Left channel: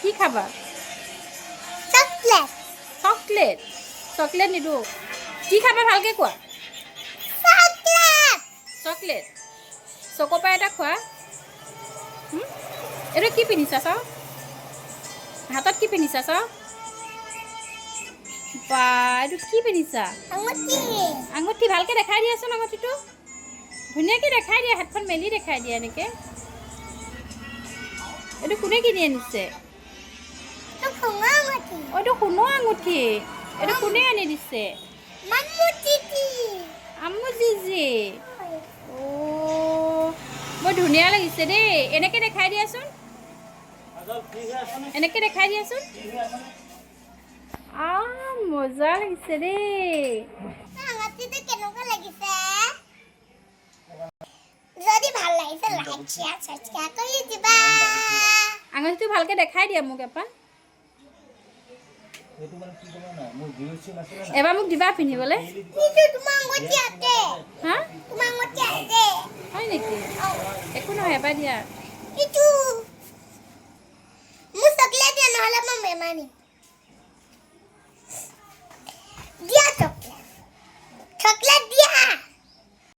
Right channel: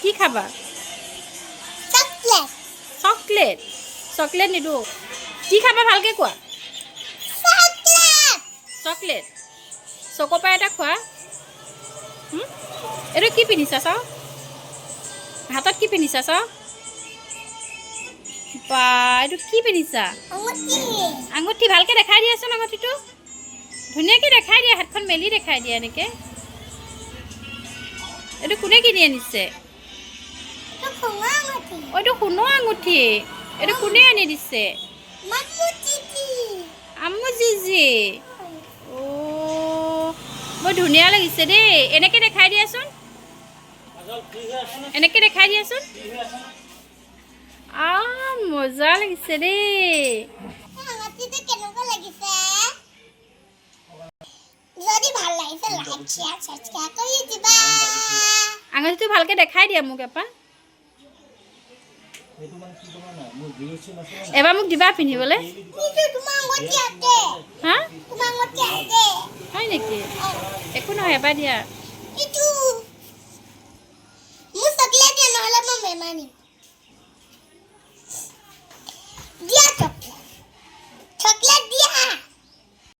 কি খাবা chocolate chocolate নিদো কি খাবা ভালকে কোৱা চকলেট চকোপাই এটা খোৱা এইটো কি পিন্ধিছা চাও হাতত কি পিন্ধিছা চাও বা এইটো কি পিন্ধিছা আঙুঠি ভালকে দেখাই দিয়াচোন আঙুঠিটো ধুনীয়াকৈ দেখাই দিয়া হাতখন মেলি দেখাই দিয়া এনেকৈ এইটো কোনে কিনি আনিছে এইটো সোণৰ আঙুঠি এইটো কোনে আনি দিছে আম্মু জিজি অ' বৰ ধুনীয়া লাগিছে দেই এনেকৈ দেখাই দিয়াচোন এনেকৈ দেখাই দিয়াচোন মজা লাগিছে দেই আঙুঠিটো ভালকৈ দেখাই দিয়া মোক এবাৰ মোক দিবা পিন্ধিবলৈ হা হয় নেকি একো নহয় এবাৰ দিয়া চকলেট দিয়া